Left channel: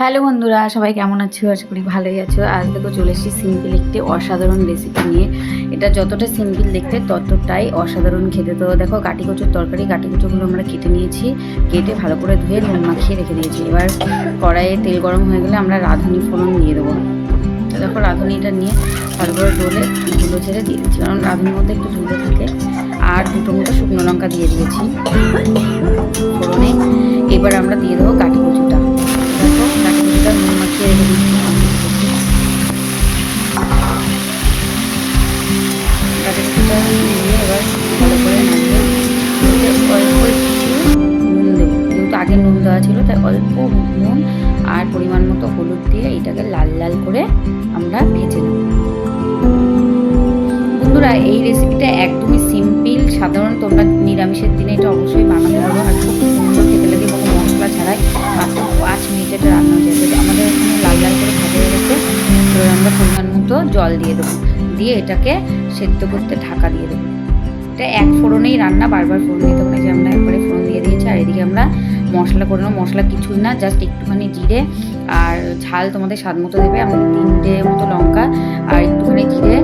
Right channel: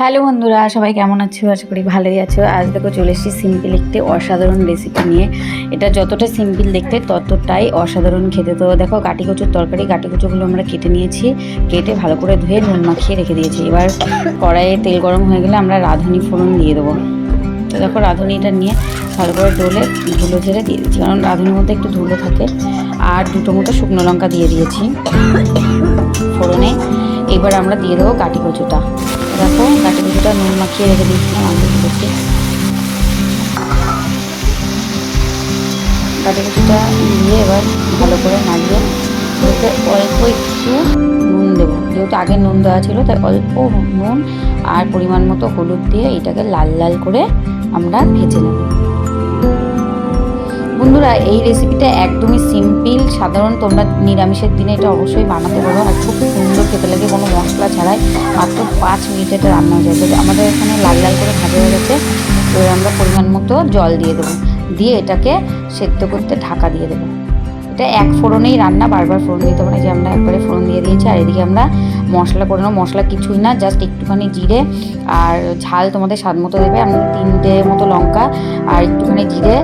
Hello বন্ধুরা, সবাই কেমন আছো? আশা করি ভালোই আছো। আজ দেখো চলে এসেছি সিম্পল একটি অসাধারণ রেসিপি নিয়ে। এটা যতটা সিম্পল দেখতে ততটাই অসাধারণ খেতে। তো দেখো কাটি কচুর তরকারি, কাটি কচুগুলো আমরা কেটে নিয়েছি, কেটে ভালো করে ধুয়ে নুন মাখিয়ে রেখে দিয়েছি। এবার কড়াইয়ে তেল গরম হয়ে গেলে আমরা রাঁধুনি ফোড়ন দিয়ে দেবো। তো দেখো রাঁধুনিটা নিয়ে ভালো করে ডলে ধুলো ঝেড়ে দিয়ে দিচ্ছি, কারণ রাঁধুনির মধ্যে একটু ধুলো থাকে। আর দুটো মতো শুকনো লঙ্কা দিয়ে দিয়েছি ফোড়নে। এবার আমরা দিয়ে দেবো কাটি কচুটা। দেখো কাটি কচুটা নুন মাখিয়ে রেখে দিয়েছিলাম আমি করছি। কাটি কচুটা দিয়ে এবার ভালো করে নাড়িয়ে ওতে অল্প একটু নুন দেবো, যেহেতু আগে নুন দেওয়া ছিল তাই অল্প নুন আর পরিমাণ মতো হলুদ দিয়ে এটাকে লাল লাল করে আমরা ভেজে নেব। বন্ধুরা এই রেসিপিটা একদমই সিম্পল, সাধারণ। তোমরা নিরামিষের দিনে এটা অবশ্যই বানাতে পারো, আর খুব সুন্দর খেতে লাগে, কোনো মশলা ছাড়াই। মাত্র 5 মিনিটে এটা রান্না হয়ে যাবে। আমাদের এখানে লাল লাল করে ভাজা হয়ে গেছে। এবার আমরা পরিমাণ মতো জল দিয়ে দেবো, দিয়ে এটাকে সেদ্ধ করতে ঢাকা দিয়ে দেবো। এটা এক ফোড়নেই রান্না, বারবার ফোড়ন দিতে হবে না, যে আমরা একবারে ফোড়ন দিয়ে দিয়েছি। আর এদিকে আমরা মশলা করে নেবো। মশলা কিছুই না, জাস্ট একটুখানি জিরে আর ঝাল তোমাদের স্বাদ মতো দেবে। আমি 3টে মতো লঙ্কা আর একটুখানি জিরে,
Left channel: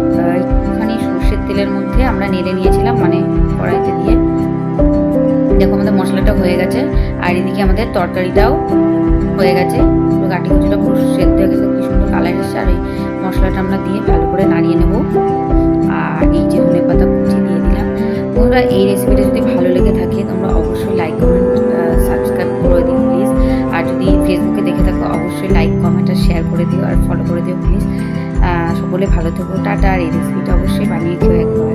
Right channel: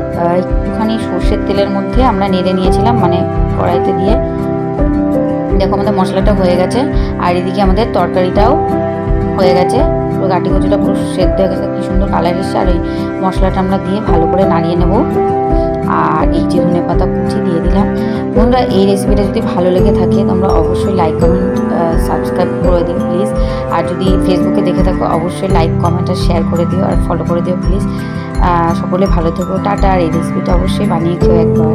একটুখানি সর্ষের তেলের মধ্যে আমরা নেড়ে নিয়েছিলাম, মানে কড়াইতে দিয়ে। দেখো আমাদের মশলাটা হয়ে গেছে, আর এদিকে আমাদের তরকারিটাও হয়ে গেছে। পুরো কাটি কচুটা পুরো সেদ্ধ হয়ে গেছে, কি সুন্দর কালার এসছে। আর এই মশলাটা আমরা দিয়ে ভালো করে নাড়িয়ে নেবো। আর এই যে ধনে পাতা কুচি দিয়ে দিলাম। বন্ধুরা এই রেসিপিটা যদি ভালো লেগে থাকে তোমরা অবশ্যই লাইক কমেন্ট সাবস্ক্রাইব করে দিও প্লিজ। আর যদি ফেসবুকে দেখে থাকো অবশ্যই লাইক কমেন্ট আর শেয়ার করে দিও, আর ফলো করে দিও প্লিজ। সকলে ভালো থেকো, টাটা। আর এই রেসিপিটা অবশ্যই বানিয়ে খেও একবার।